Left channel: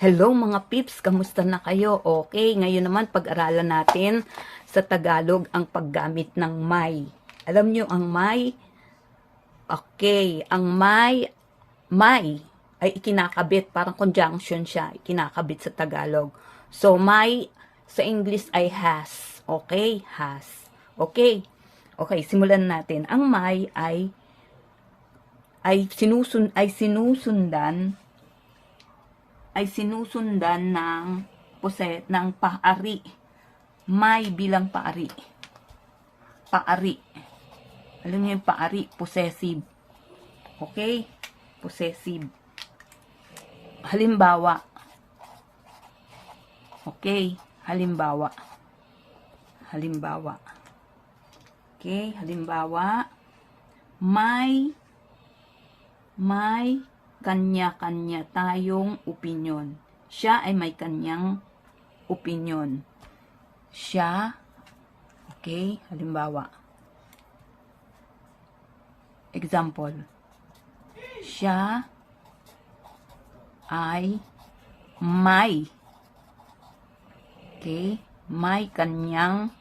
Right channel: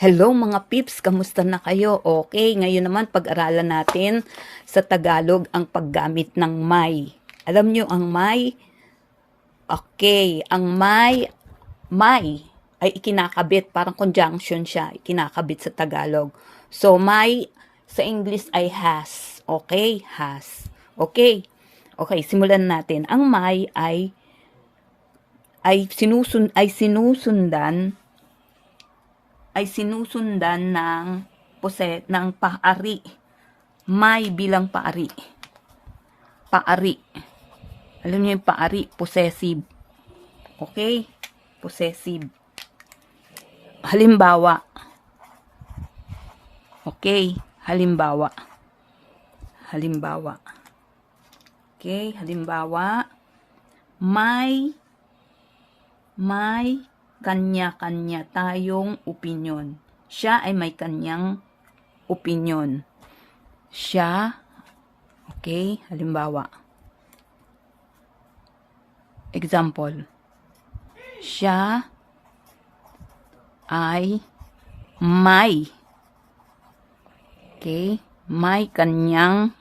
Hello mga pips, kamusta na kayo? Okay, ngayon naman pag-aralan natin sa Tagalog ang paggamit ng may. Alam nyo ang may? Okay, ang may ay ikinakabit, parang conjunction siya, ikinakabit sa Tagalog. So may sa English ay has. Okay, has. Okay, okay, simulan natin. Ang may ay sinusundan ng paari. May bilang paari. Paari. Alam niyo yung paari, possessive. Okay? Possessive. Halimbawa. Okay? Halimbawa. Halimbawa. Okay? Halimbawa. May kanya-kanya tayong opinyon. Siya ay may kanyang opinyon. Siya, okay, halimbawa. Example. Siya ay may, okay, may kanyang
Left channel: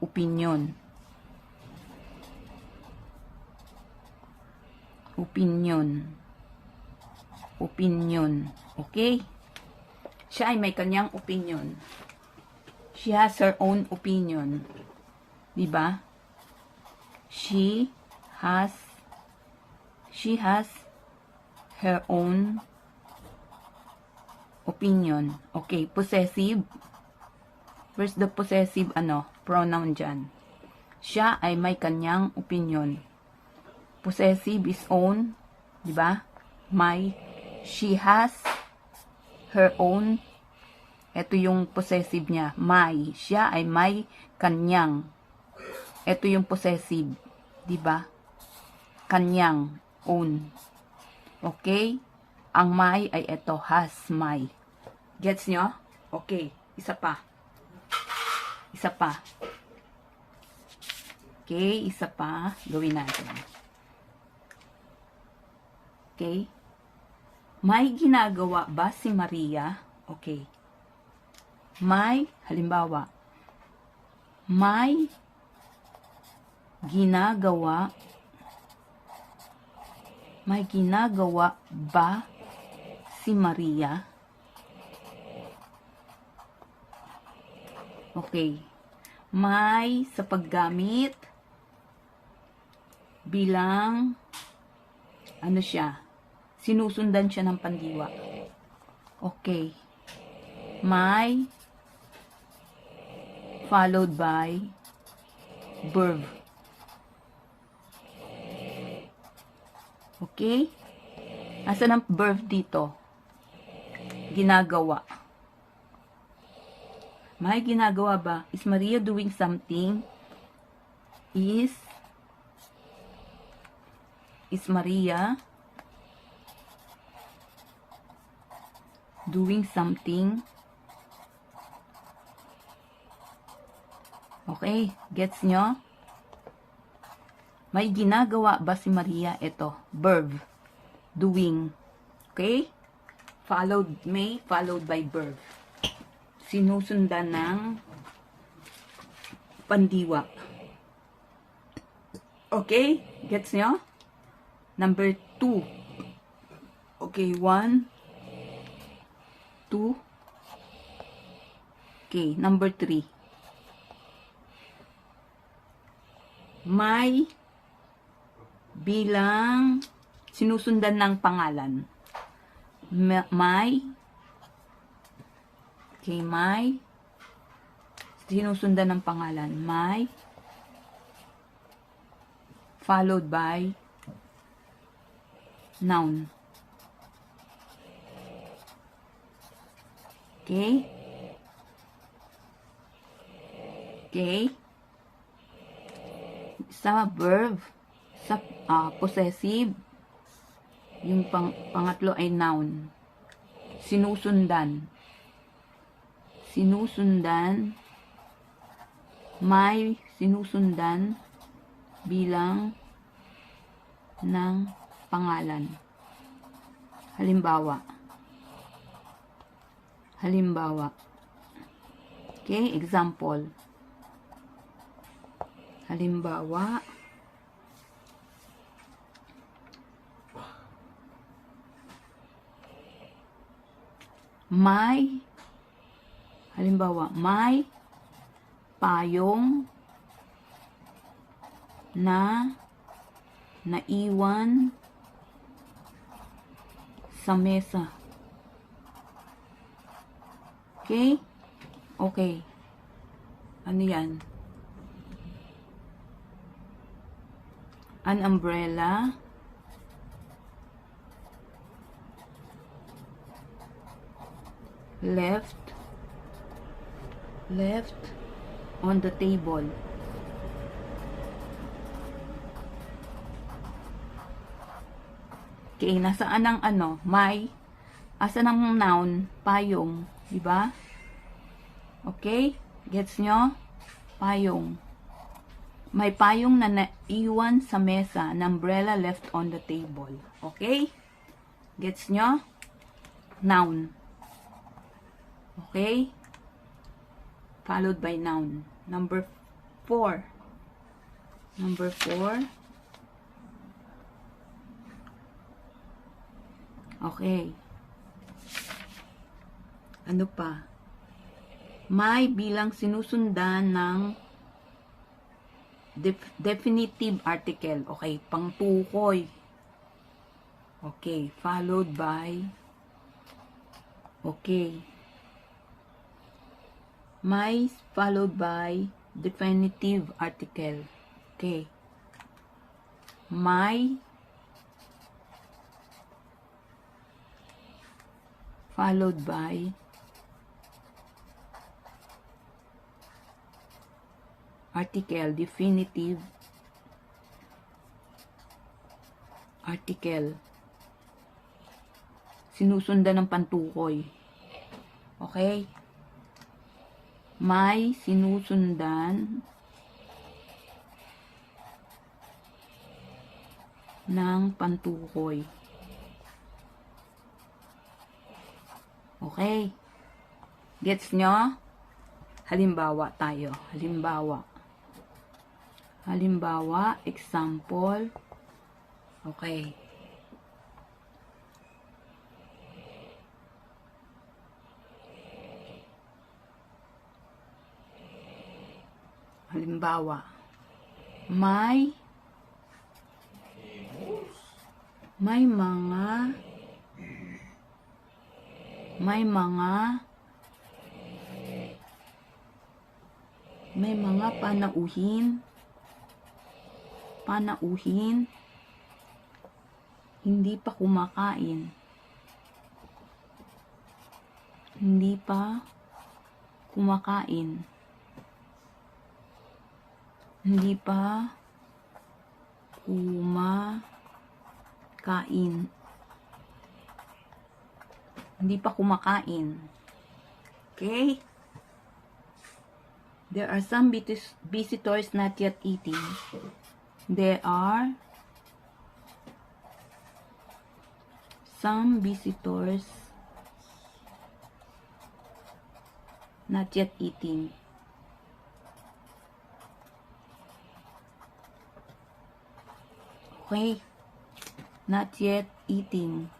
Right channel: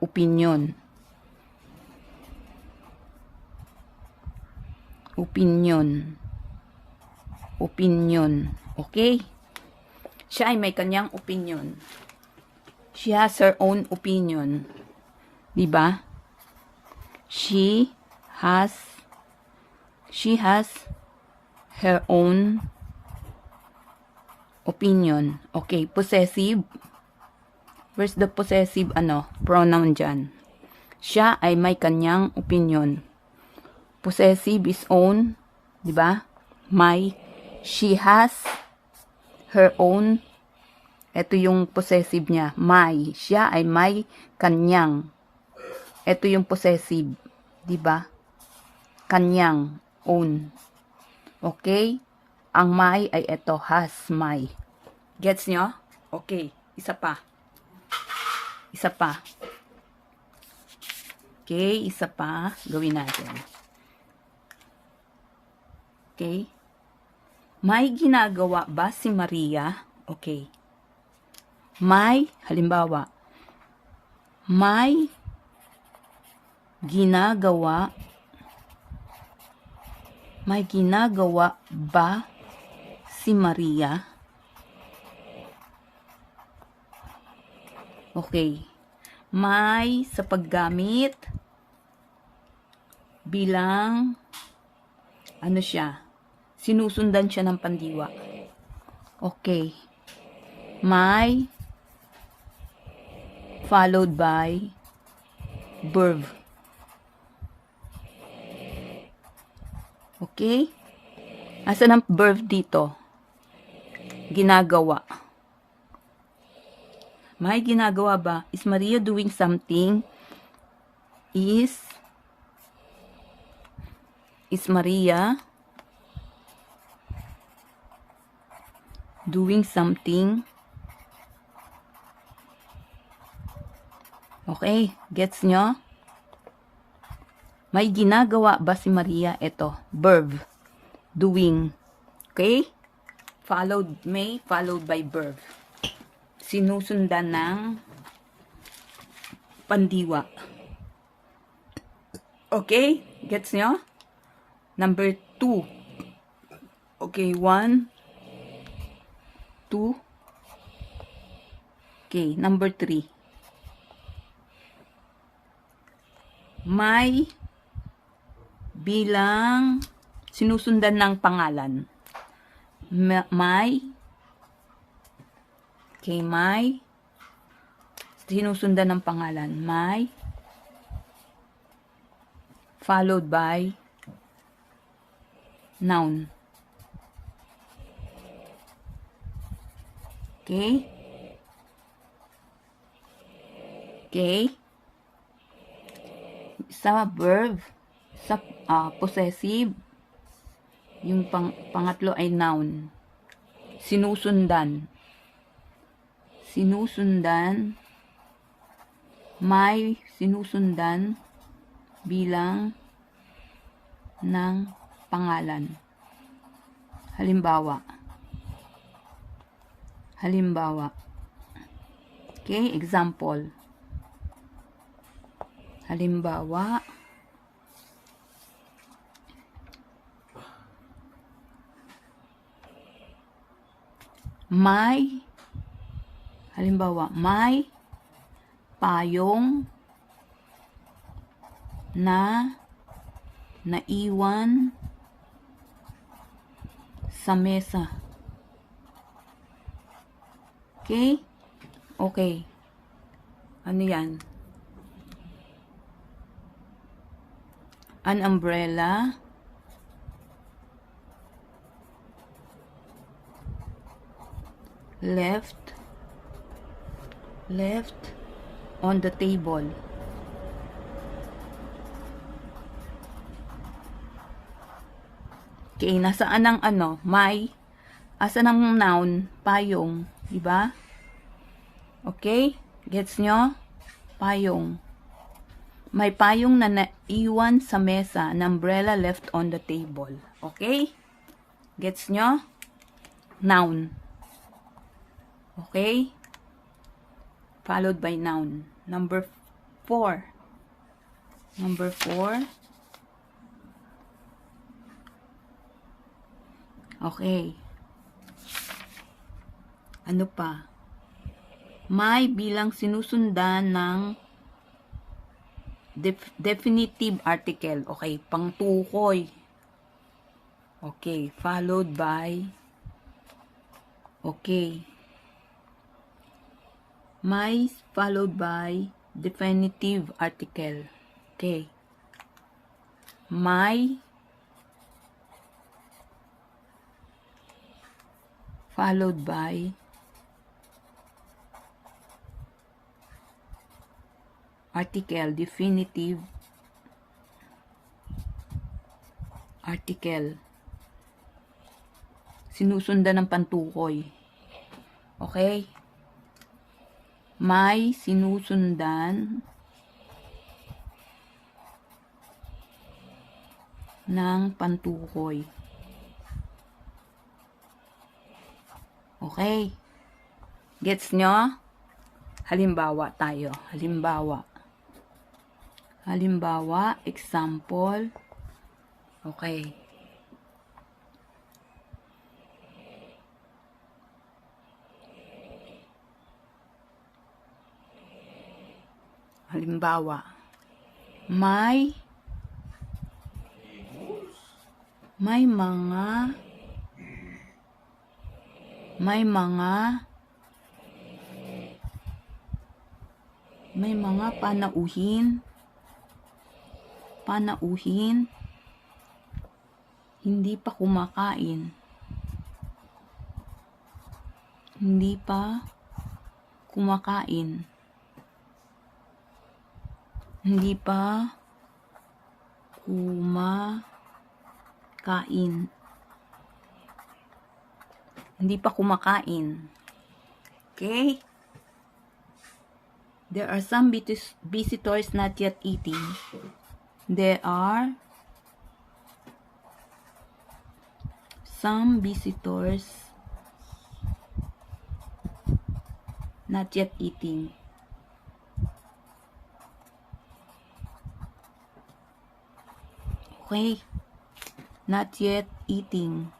opinyon. Opinion. Okay? Siya ay may kanyang opinion. She has her own opinion. Diba? She has her own opinion. Okay, possessive. Where's the possessive pronoun dyan? Siya ay may kanyang opinion. Possessive is own, di ba? May, she has her own. Ito yung possessive niya, may. Siya ay may kanyang. Ito yung possessive, di ba? Kanyang, own. Okay? Ang may ay ito, has, may. Gets nyo? Okay, isa pa. Isa pa. Okay, isa pa. Gawin natin. Okay. May ginagawa ba si Maria? Okay. May, halimbawa, may ginagawa ba si Maria? Okay. May sa paggamit bilang siya? Sinusundan siya ng pandiwa. Okay. May followed by verb. Okay? Asan ang verb dito? Ginagawa. May ginagawa ba? Is Maria doing something? Is Maria doing something? Okay, gets nyo? May ginagawa ba si Maria? Ito, verb, doing. Okay? Followed by verb. Sinusundan ng pandiwa. Okay? Gets nyo? Number 2. Okay, 1, 2. Okay, number 3. May bilang sinusundan ng pangalan. May. Okay, may sinusundan ng pangalan. May followed by noun. Okay? Okay? Sa verb, sa possessive, yung pangatlo ay noun. Sinusundan. May sinusundan bilang ng pangalan. Halimbawa. Halimbawa. Okay, example. Halimbawa. May payong na naiwan sa mesa. Okay? Okay. Ano yan? An umbrella left on the table. Okay, nasaan ang ano? May, asan ang noun? Payong, di ba? Okay? Gets nyo? Payong. May payong na naiwan sa mesa, an umbrella left on the table. Okay? Gets nyo? Noun. Okay? Followed by noun. Number 4. Number 4. Okay. Ano pa? May bilang sinusundan ng definitive article. Okay, pangtukoy. Okay, followed by okay. May followed by definitive article. Okay. May followed by article, definitive article. Sinusundan ng pantukoy. Okay? May sinusundan ng pantukoy. Okay? Gets nyo? Halimbawa tayo. Halimbawa, example. Okay. Halimbawa, may mga panauhin hindi pa kumakain. Okay? There are some visitors not yet eating. There are some visitors not yet eating. Okay? Not yet eating.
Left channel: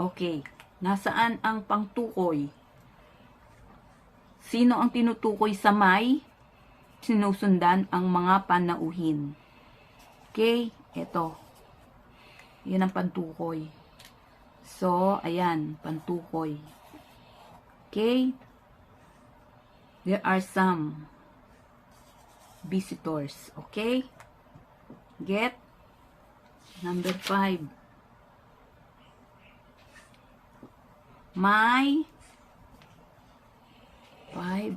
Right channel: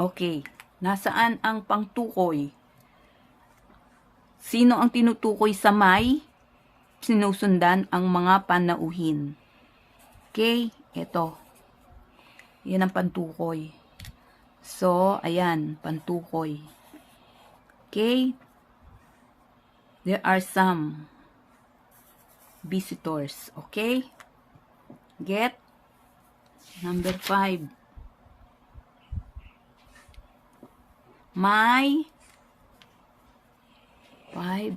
Okay. Nasaan ang pangtukoy? Sino ang tinutukoy sa may? Sinusundan ang mga panauhin. Okay? Ito. Yan ang pantukoy. So, ayan. Pantukoy. Okay? There are some visitors. Okay? Get? Number 5. May 5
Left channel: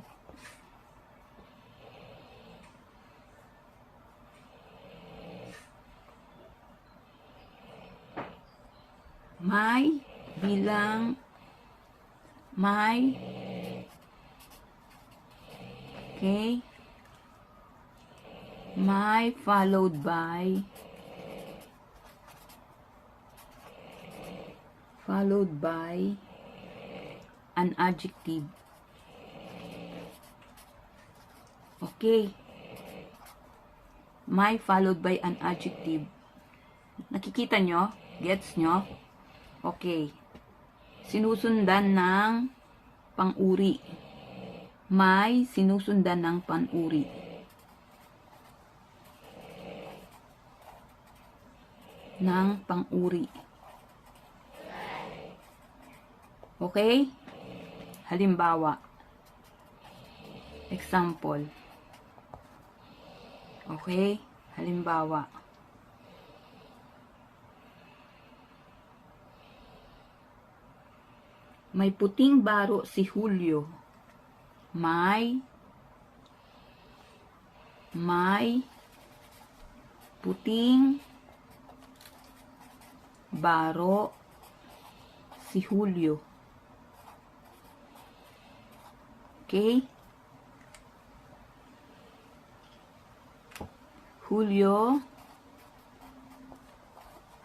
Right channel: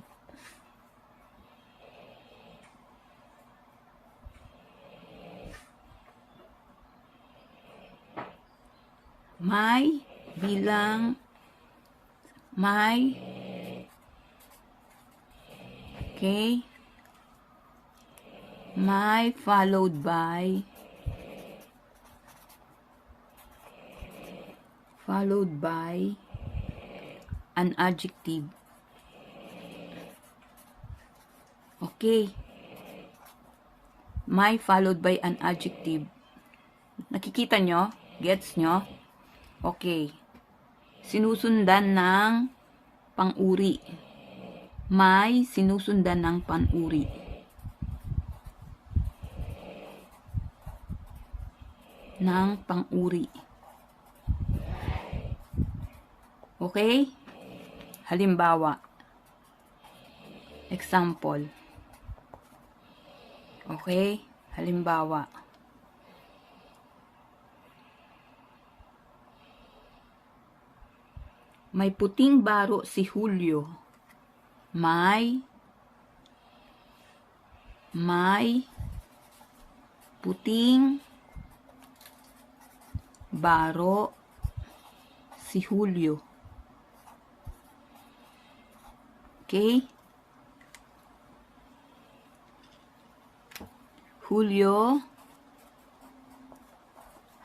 may bilang may okay may followed by followed by an adjective. Okay. May followed by an adjective. Nakikita nyo? Gets nyo? Okay. Sinusundan ng pang-uri. May sinusundan ng pang-uri. Ng pang-uri. Okay? Halimbawa. Example. Okay? Halimbawa. May puting baro si Julio. May puting baro si Julio. Okay? Julio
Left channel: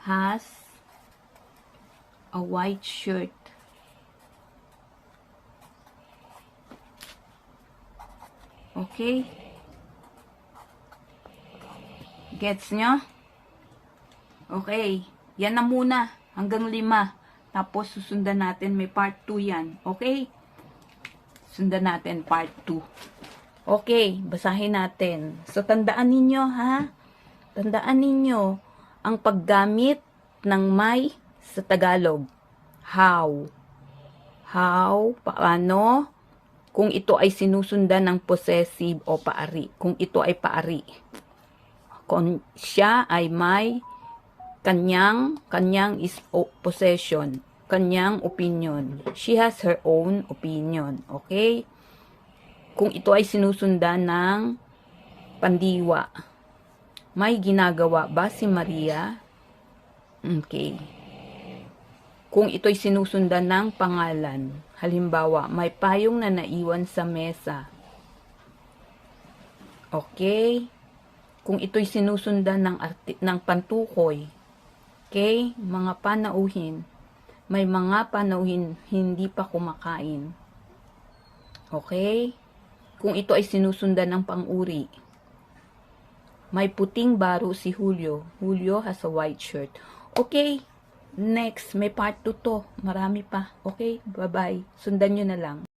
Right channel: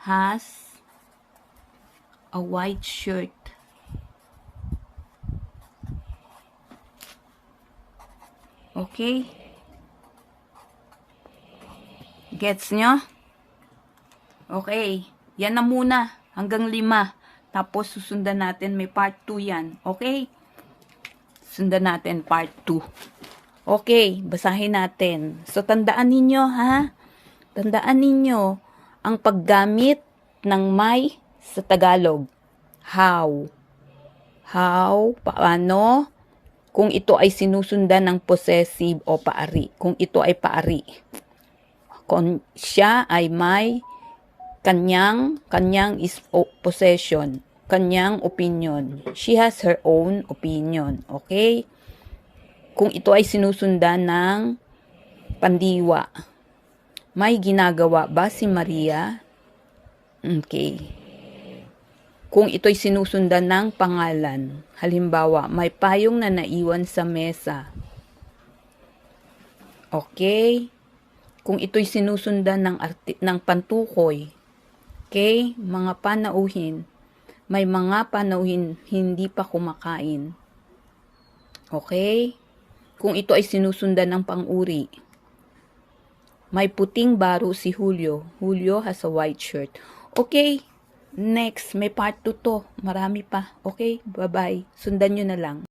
has a white shirt. Okay? Gets nyo? Okay. Yan na muna. Hanggang 5. Tapos susundan natin. May part 2 yan. Okay? Sundan natin part 2. Okay. Basahin natin. So, tandaan ninyo, ha? Tandaan ninyo ang paggamit ng may sa Tagalog. How? How? Paano? Kung ito ay sinusundan ng possessive o paari. Kung ito ay paari. Kung siya ay may kanyang is possession. Kanyang opinion. She has her own opinion. Okay? Kung ito ay sinusundan ng pandiwa. May ginagawa ba si Maria? Okay. Kung ito'y sinusundan ng pangalan. Halimbawa, may payong na naiwan sa mesa. Okay? Kung ito'y sinusundan ng pantukoy. Okay? Mga panauhin. May mga panauhin hindi pa kumakain. Okay? Kung ito ay sinusundan ng pang-uri. May puting baro si Julio. Julio has a white shirt. Okay? Next, may part 2 to. Marami pa. Okay? Bye-bye. Sundan nyo na lang.